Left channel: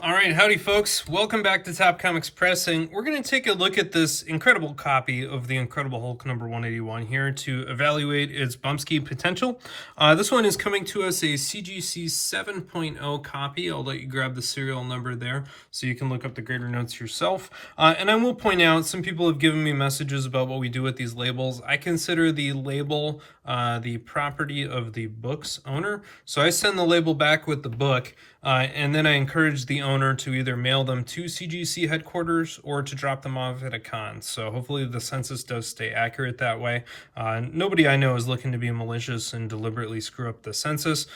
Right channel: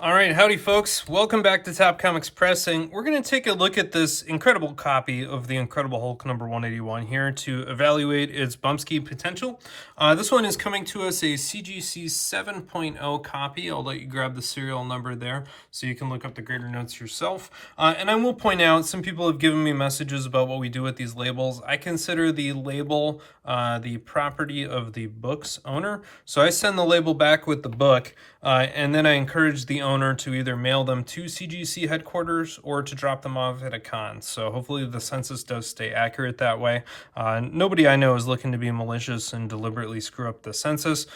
All right, howdy folks. Welcome back to Top Comics Pressing. We're going to take a look at this incredible copy of The Incredible Hulk number 181 here to evaluate its bumpski potential. This one is coming to us a CGC 7.0 copy. I'll let you grab the serial number there so you can look up the grader notes yourself. And I will point out, some people have given me messages about what we do with these labels. I consider the label the property of the book's owner. So I send the label back with the book, and then I encourage the owner to either mail them to CGC headquarters or to drop them off at a con. So hopefully the census does stay accurate that way. Nobody I know is looking to be malicious and deliberately screw up the census.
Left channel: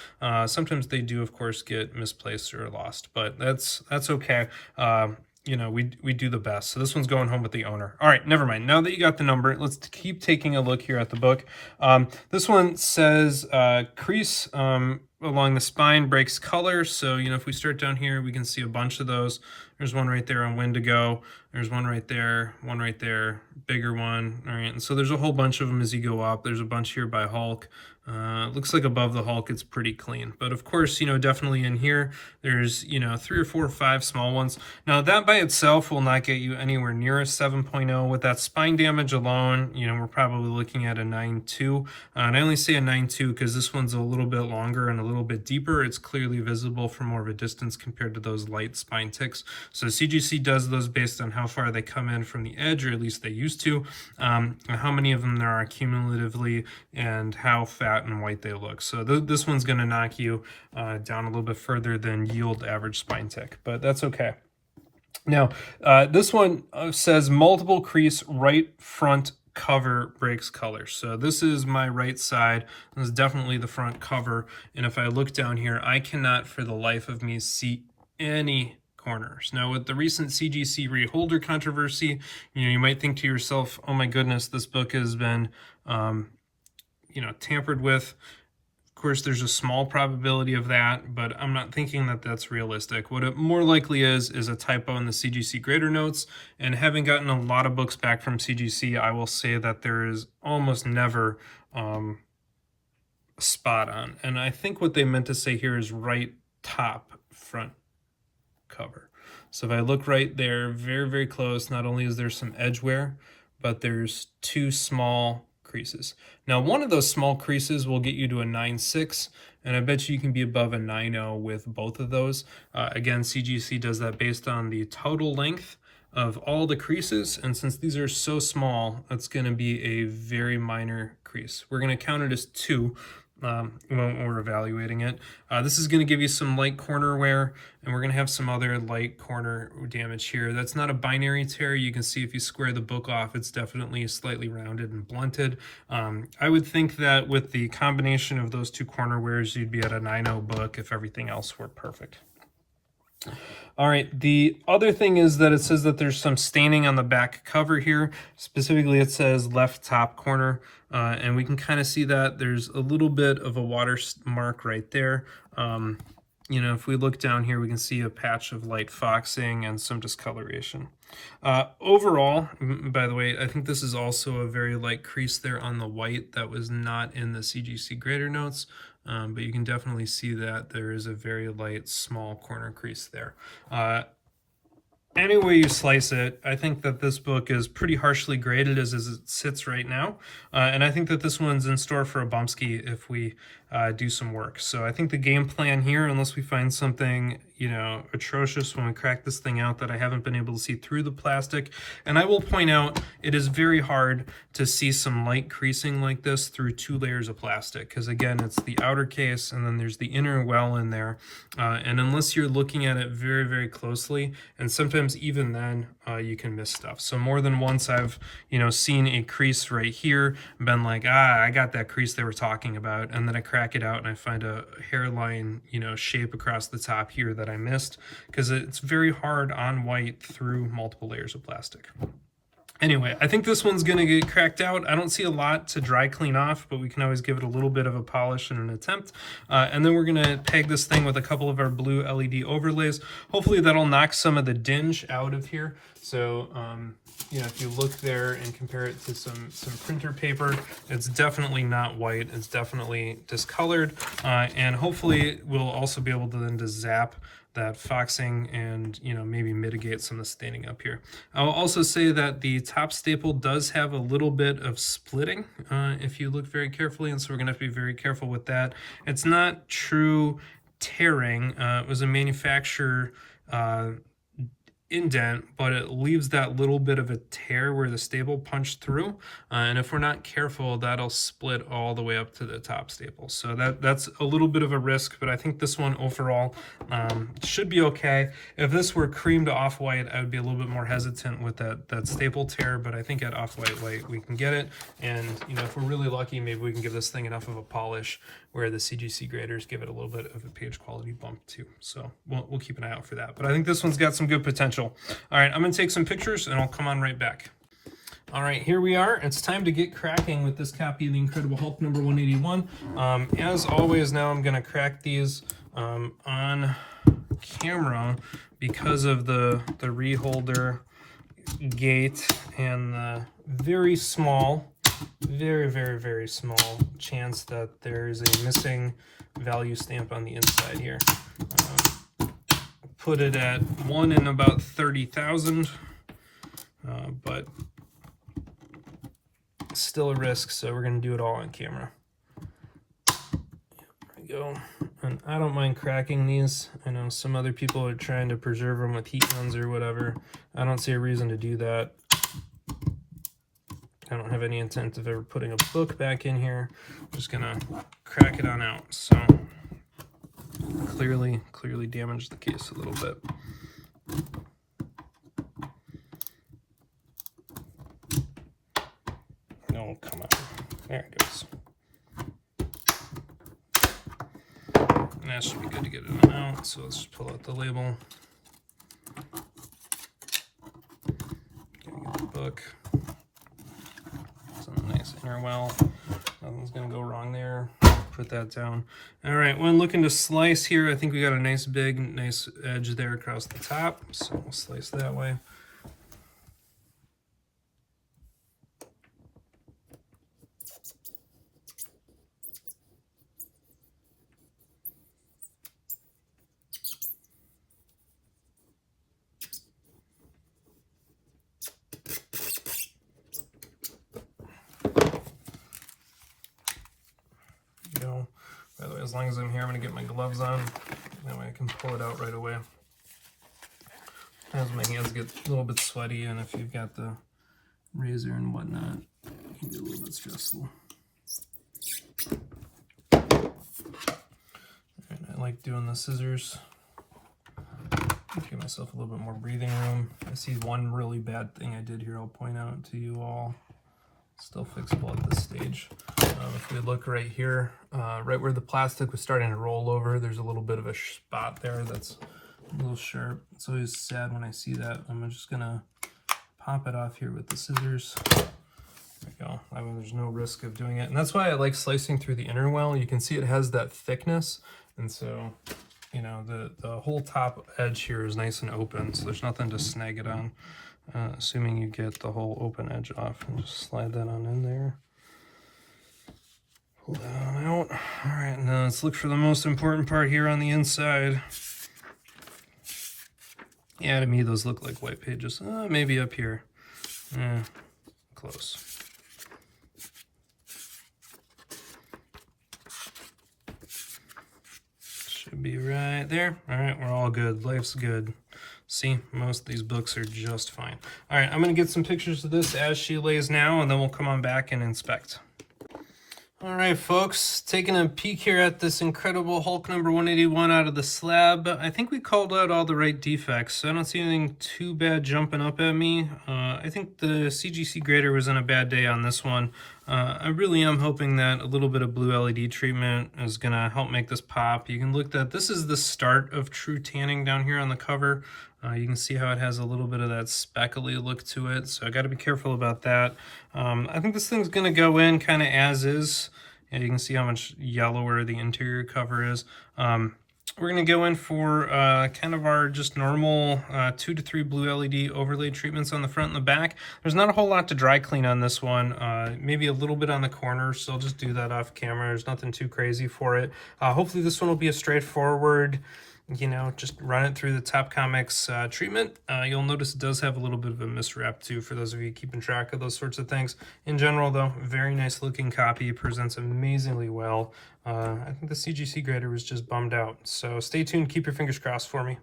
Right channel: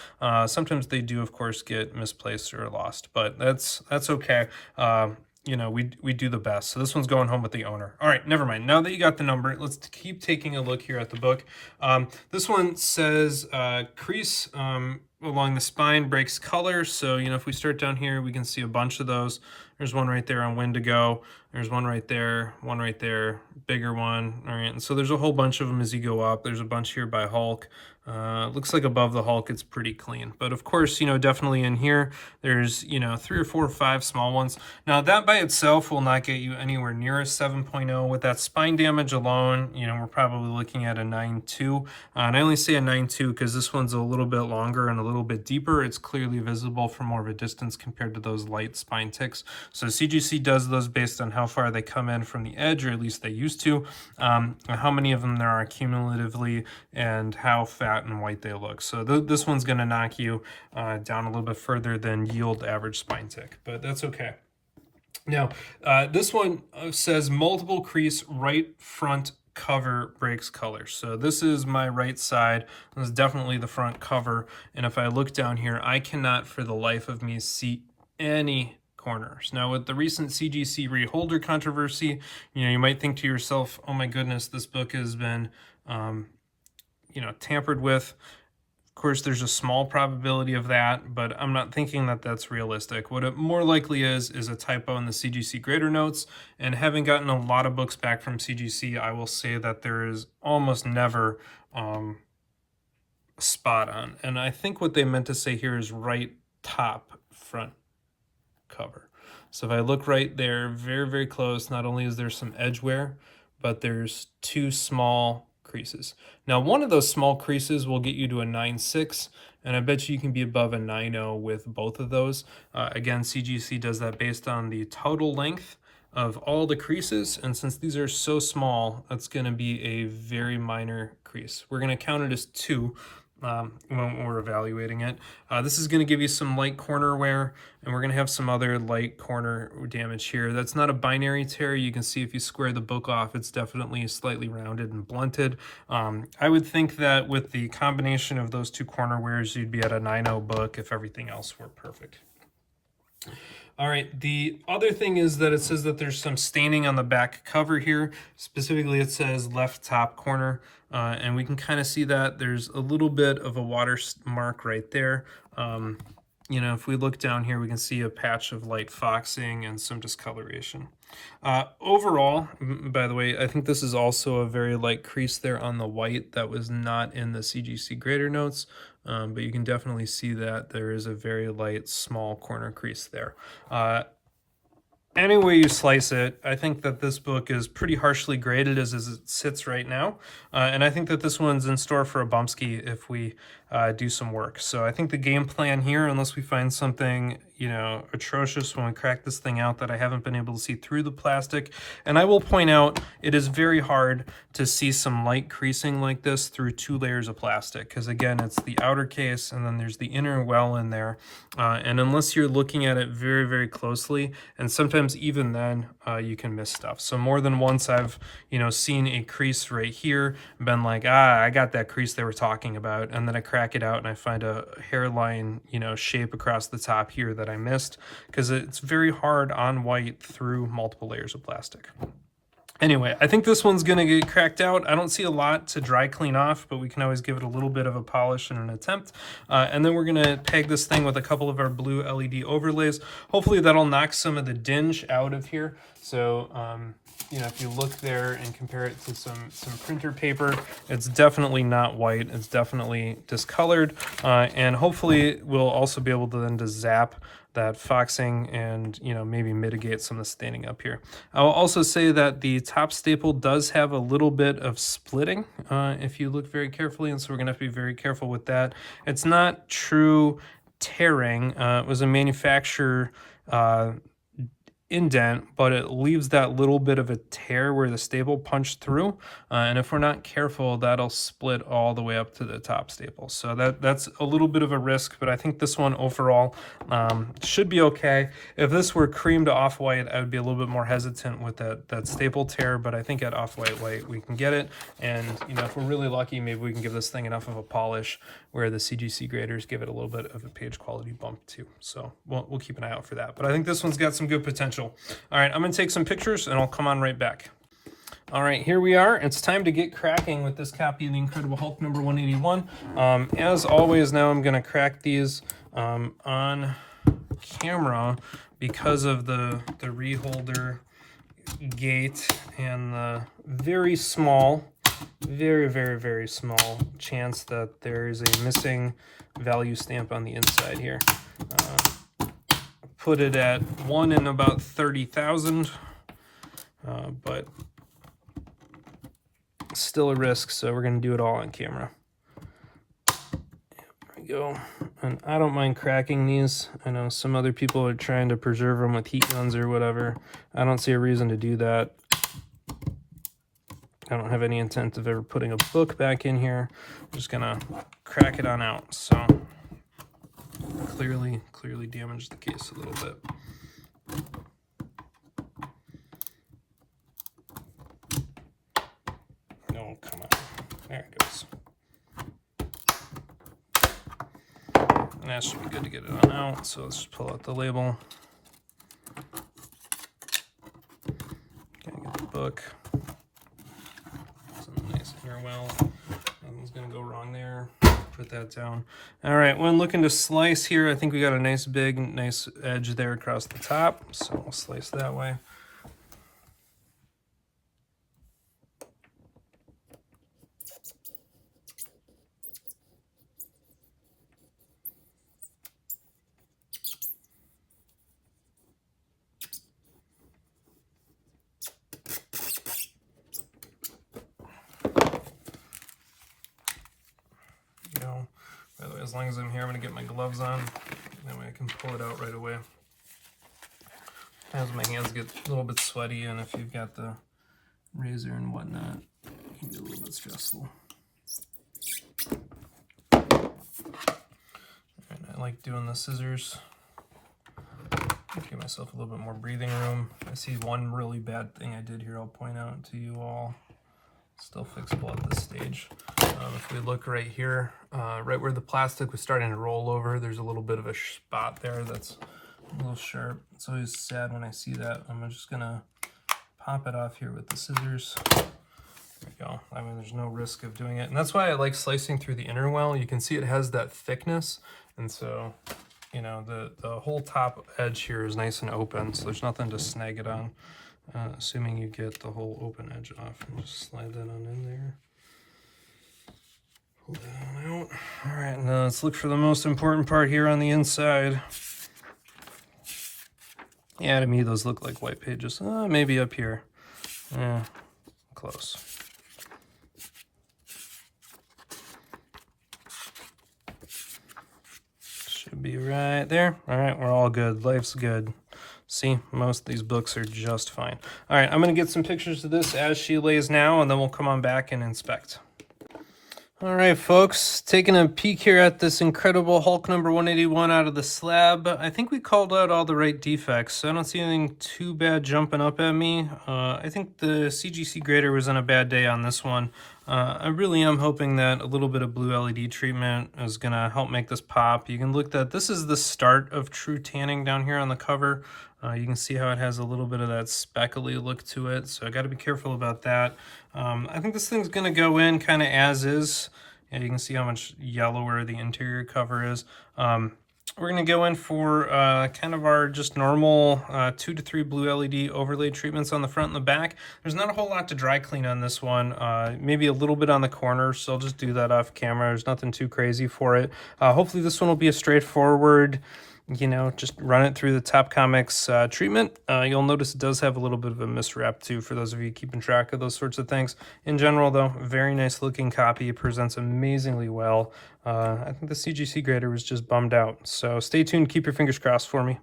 Sometimes they do, of course, get misplaced or lost, but that's okay. You know, we do the best. So this one's going home with the owner. All right, never mind. Now that you got the number, let's keep taking a look here at the book. This one says crease along the spine breaks color. So, you know, if we start down here, we can see a bunch of those. There's one right there on Wendigo. There's one right there, bigger one. All right, and so there's a whole bunch of them as you go up. There's a bunch here by Hulk. Looks like above the Hulk it's pretty clean, but of course, you know, definitely in here there's, you know, 3 or 4 or 5 small ones. Now that by itself will not get you anywhere near a 7.0. With that spine damage alone, you know, we're probably looking at a 9.2, and I only say a 9.2 because this one's a little bit longer and a little bit deeper. It's clearly visible from more of a distance compared to those light spine ticks. So CGC does those based on how far they come in from the edge, or at least they used to, how many of them there are cumulatively, and how fat and white they look. So this one's going to knock you down a little bit further than yield average spine tick, but that's okay. Now, this one says multiple crease right front cover breaks color. So this is my right side. This is definitely the front cover. And if I look down here, I cannot for the life of me see any corners. Now with the recent CGC reholder controversy, you know, you might think to yourself, oh my goodness, this book has been you know, tampered with. Of course, there's a small probability of that, but I'm not thinking that that's realistic. What it more likely is a typo in the CGC grader notes, and having gotten a lot of books back from CGC, I will say that there is almost never spot on. And I think what they meant to say here is right top front cover. So if I look right there, very, very close, not only is there some edge wear, but there's 2 small creases. Now, one of those small creases will get you to a 9.6, and I bet you can be above a 9.0 with both of those. Again, CGC does that based on the total length of all the creases, and since these are so small, that's going to be a very minor crease. We're going to count it as 2 when we're evaluating it. This is going to give you some light corner wear, and we're going to have some other light corner damage here. That's not a binary tear. You can see if you square the book off, it's definitely slightly rounded and blunted. I would think that with the combination of those 2 corner wears, you'd be at a 9.0 book if everything else were perfect. All right, the other thing is that it says that there's some staining on the back cover here. Specifically, it says left top corner, and we can kind of see that there's a little bit of a watermark right there. You know, if we look down here, we can see a patch of light foxing and some discoloration. Overall, by the way, I think this is also a very light crease there on the white that was not in the CGC grader notes. But you can definitely see that there is a very light, small corner crease there. Any way you slice it, I think that this book is pretty harshly graded as it sits right now. And I think that this one's in store for a bumpski if we do some work. So I think the game plan here, unless we find something, you know, atrocious when we crack this thing out that I haven't been able to see through the plastic. And I will point out, it is very hard to see some light creasing like this through 2 layers of plastic. Because again, it's the outer case and then there's the inner well in there. And unless you're looking at it very, very closely, and sometimes even then, you can miss stuff. So more than once I've, you know, seen a crease right here, been like, I got that crease they were talking about, and then I crack it out and I find a hairline, you know, shape across the top here that I missed, because it's very hard on white through multiple layers of plastic. Anyway, I think this one's going to get cracked out. I don't see a lot to dry clean off, but we can always give it a little bit of a polish and an attempt. And then we're going to peg this thing with a couple of our blue LED overlays. Hopefully that'll knock some of the dinge out of here. So, you know, if you look there and compare it to some printer paper, it's definitely not white. It's definitely discolored. And hopefully we'll also be able to then zap that foxing and, you know, maybe mitigate some of the staining up here. I'll also say that the top staple does have a little bit of splitting if you look very carefully, and so we're going to have to be very careful with that. It's not true tearing. It was a manufacturer indent, but it leaves that little bit of a tear where the staple punched through, and if we're not careful, that'll split all the way up to the top staple. So that's a little bit of a risk, but I think this one overall should be okay. If this were cream to off-white, I would be a little bit more hesitant with that staple tear, but I think at off-white white we can get it, and you know, if we're really lucky, maybe we can give this thing enough of a polish where the CGC graders give it a little bit of a page quality bump too. So we'll keep an eye out for that. But I think this one's got some good potential. All right, I'm gonna take some pictures and I'll come on right back. All right, here we are. It's time to get cracking with this copy of the Incredible Hulk number 181. As always, now I'm gonna crack these on camera because of the reholder gate and the very small, very small chance that there is a missing value stamp on the inside here. Put it at 1 in about 30,000, but still a risk, so we're going to do it all on camera. There we go. And I don't mind cracking these. I know some other people are trying to preserve them with heat guns or whatever. I don't see a reason to do that. I don't have any intent of ever putting a book back in here. I'm just gonna crack it on out. So clearly damaged the case a little bit. No, come on. There it goes. And that should be good to get it on out. So let's just pull out the label. Get the book. Nice inner well, nothing's gonna go wrong there. Put that down. All right, when looking to slice here, I think we got a nice edge there across the top, so we'll slice that way. By the way, as long as I'm here, I'm going to get my gloves on. That way I can pull it out right away. As my hands get a little bit sweaty, and if you've got the razor and whatnot, it can be a little bit stressful. Alright, I like doing the scissors. Give myself a little bit more breathing room. I see one really bad thing I did here I'll point out to you all. Still fixable at this stage. If we look right here, right where the plastic was starting to roll over, there's a little bit of a spot there that's a little sharp. It's always sad when I see that. I'm just gonna pop it off here with the scissors. There we go. I mean, there's no risk of doing it. And that's why I like slicing through the inner well. You can see it has that thickness. And so, you know, the whole top edge here is nice and open, so there's nothing to snag it on. Assuming you get the whole open edge off, and just slide that on in there. Pull that on out. All right, now let's look for the most important part here on the inside. Yeah, to me those look like white pages. Maybe up here. Close. Should be right there. All right, we're all good. Life's good. See, most of these books are just fine. All right, I'm going to get some pictures of this as she lays now, and then we'll come on back and inspect. All right, folks, taking a peek here at this Incredible Hulk number 181 out of the slab. I think we called out all the right defects. I don't see anything too bad jumping up at me. I think the CGC grader was on a bad day on this one. I really am hoping that a little bit of blue LED treatment is going to help make this pop. You can look at, this is the start of true tanning down here on the cover. You can see how it has a little bit of that speckly look to it, so I got to be careful about that. I think this thing's going to go in kind of as is. And you can see how much yellower the interior cover is. We're going to go in for kind of our just normal 2 to 3 blue LED overlay treatments on the front and the back. There's not a whole lot to dry clean on this one, maybe a little bit on the corners, so I'll just do that off camera. There's nothing too crazy for it. Hopefully this one will be a straightforward, you know, just run it through the Top Comics treatment. You'll notice it does have a little bit of a miswrap too, for those of you keeping track of those sorts of things. In general, though, very nice looking copy. It presents amazingly well. I think the CGC grader was just bummed out. So stay tuned. Keep your fingers crossed for me.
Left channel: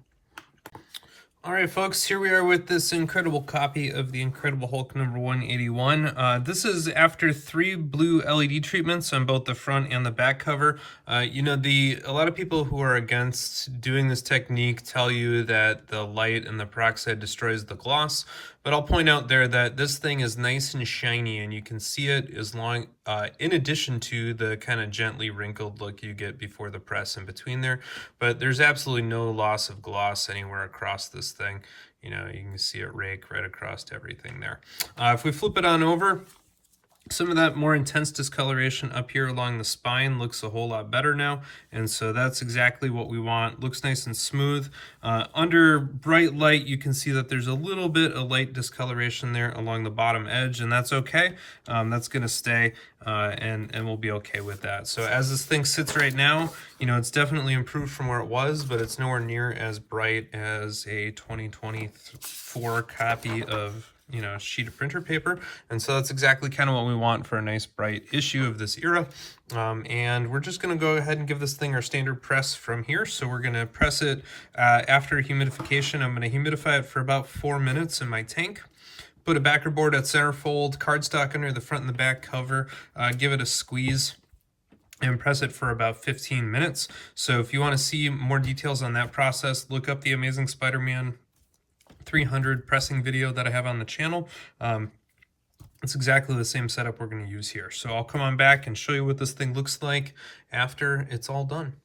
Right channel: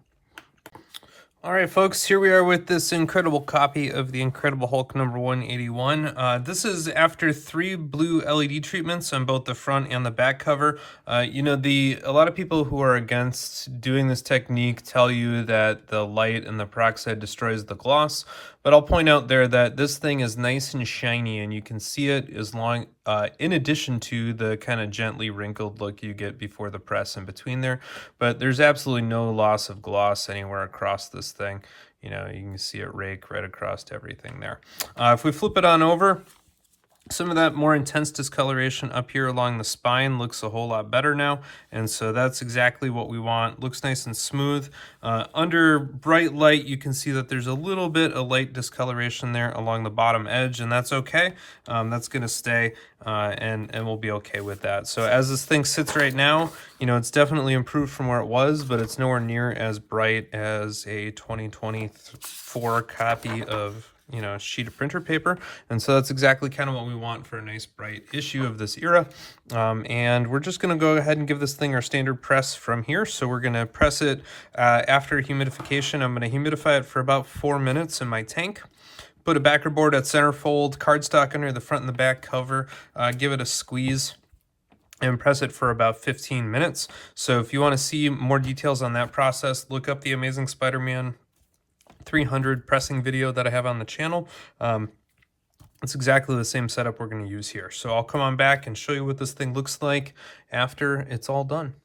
All right, folks, here we are with this incredible copy of the Incredible Hulk number 181. This is after 3 blue LED treatments on both the front and the back cover. You know, a lot of people who are against doing this technique tell you that the light and the peroxide destroys the gloss, but I'll point out there that this thing is nice and shiny, and you can see it as long, in addition to the kind of gently wrinkled look you get before the press in between there. But there's absolutely no loss of gloss anywhere across this thing. You know, you can see it rake right across everything there. If we flip it on over, some of that more intense discoloration up here along the spine looks a whole lot better now, and so that's exactly what we want. Looks nice and smooth. Under bright light, you can see that there's a little bit of light discoloration there along the bottom edge, and that's okay. That's going to stay, and we'll be okay with that. So as this thing sits right now, you know, it's definitely improved from where it was, but it's nowhere near as bright as a 2024 copy of, you know, sheet of printer paper. And so that's exactly kind of what we want for a nice bright issue of this era. And we're just going to go ahead and give this thing our standard press from here. So we're going to press it after humidification. I'm going to humidify it for about 4 minutes in my tank. Put a backer board at centerfold, cardstock under the front and the back cover, give it a squeeze, and press it for about 15 minutes. So if you want to see more details on that process, look up the Amazing Spider-Man 300 pressing video that I have on the channel. It's exactly the same setup we're going to use here. So I'll come on back and show you what this thing looks like after it's all done.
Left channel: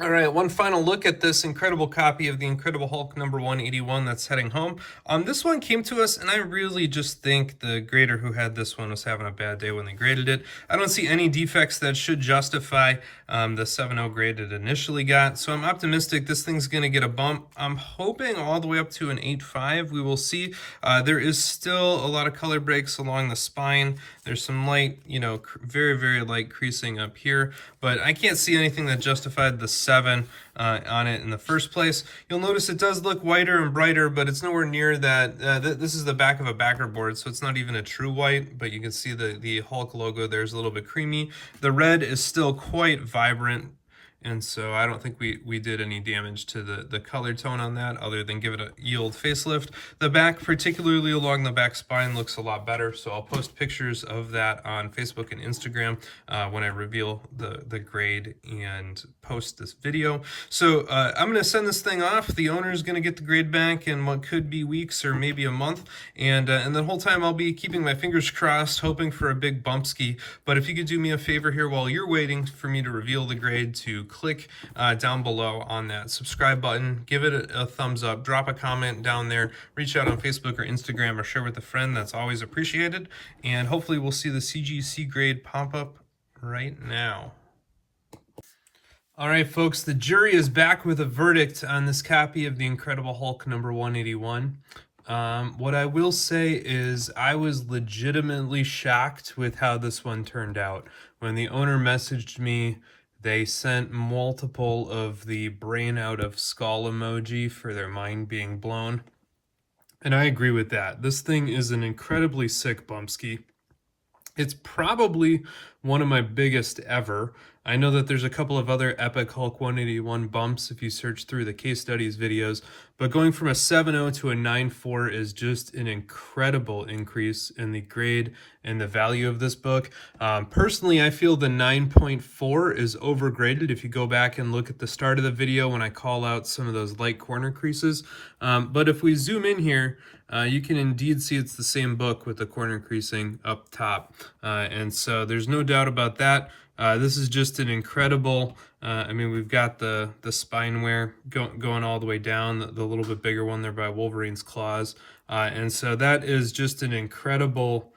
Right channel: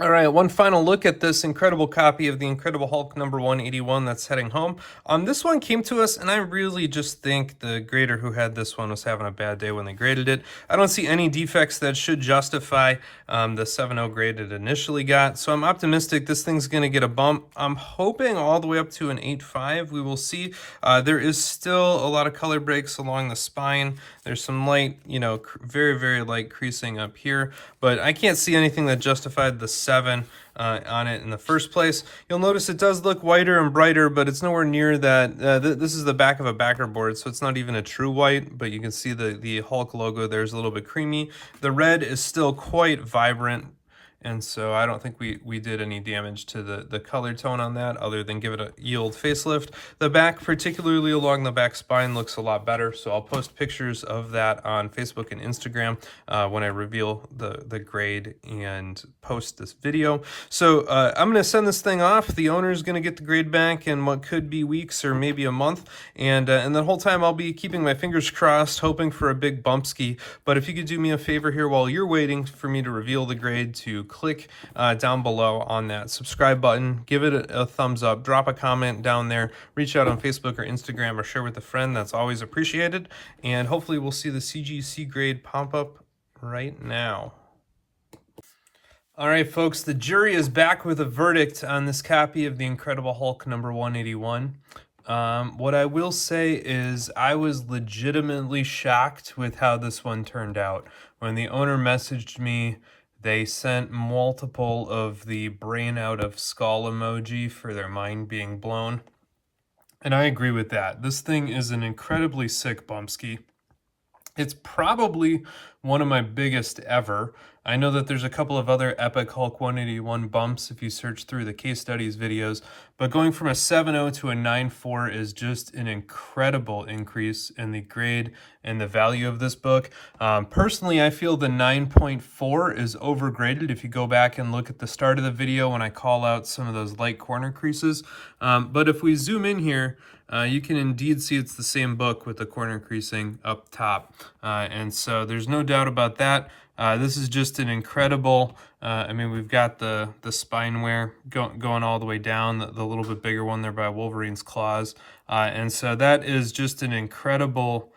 All right, one final look at this incredible copy of the Incredible Hulk number 181 that's heading home. This one came to us, and I really just think the grader who had this one was having a bad day when they graded it. I don't see any defects that should justify the 7.0 grade it initially got, so I'm optimistic this thing's going to get a bump. I'm hoping all the way up to an 8.5. We will see. There is still a lot of color breaks along the spine. There's some light, you know, very, very light creasing up here, but I can't see anything that justified the 7 on it in the first place. You'll notice it does look whiter and brighter, but it's nowhere near that. This is the back of a backer board, so it's not even a true white, but you can see the Hulk logo there's a little bit creamy. The red is still quite vibrant, and so I don't think we did any damage to the color tone on that other than give it a yield facelift. The back, particularly along the back spine, looks a lot better, so I'll post pictures of that on Facebook and Instagram when I reveal the grade and post this video. So I'm going to send this thing off. The owner is going to get the grade back in what could be weeks or maybe a month, and the whole time I'll be keeping my fingers crossed, hoping for a big bumpski. But if you could do me a favor here while you're waiting for me to reveal the grade, to click down below on that subscribe button, give it a thumbs up, drop a comment down there, reach out on Facebook or Instagram, or share with a friend. That's always appreciated, and hopefully we'll see the CGC grade pop up right now. All right, folks, the jury is back with a verdict on this copy of the Incredible Hulk number 181. What I will say is I was legitimately shocked with how this one turned out. When the owner messaged me, they sent multiple of the brain out of skull emoji for their mind being blown. And I agree with that. This thing is an incredibly sick bumpski. It's probably one of my biggest ever. I know that there's a couple of other Epic Hulk 181 bumps if you search through the case studies videos, but going from a 7.0 to a 9.4 is just an incredible increase in the grade and the value of this book. Personally, I feel the 9.4 is overgraded if you go back and look at the start of the video when I call out some of those light corner creases. But if we zoom in here, you can indeed see it's the same book with the corner creasing up top. And so there's no doubt about that. This is just an incredible, I mean, we've got the spine wear going all the way down, the little bit bigger one there by Wolverine's claws. And so that is just an incredible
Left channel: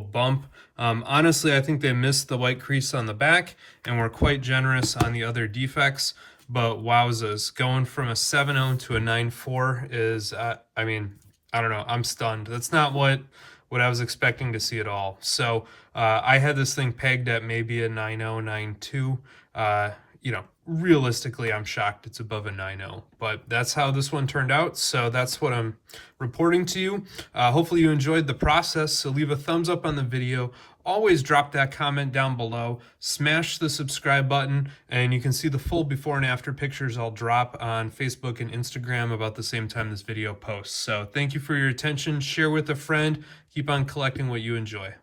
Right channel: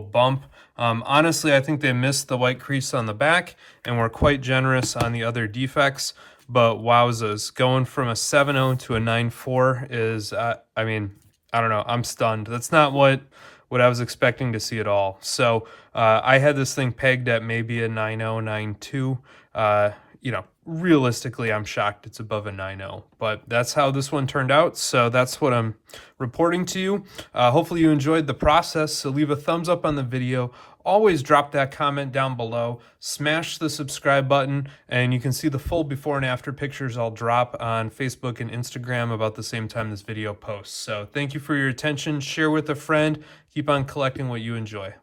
bump. Honestly, I think they missed the white crease on the back and were quite generous on the other defects. But wowzas, going from a 7.0 to a 9.4 is, I mean, I don't know, I'm stunned. That's not what I was expecting to see at all. So I had this thing pegged at maybe a 9.0, 9.2. you know, realistically, I'm shocked it's above a 9.0, but that's how this one turned out. So that's what I'm reporting to you. Hopefully you enjoyed the process. So leave a thumbs up on the video. Always drop that comment down below. Smash the subscribe button, and you can see the full before and after pictures I'll drop on Facebook and Instagram about the same time this video posts. So thank you for your attention. Share with a friend. Keep on collecting what you enjoy.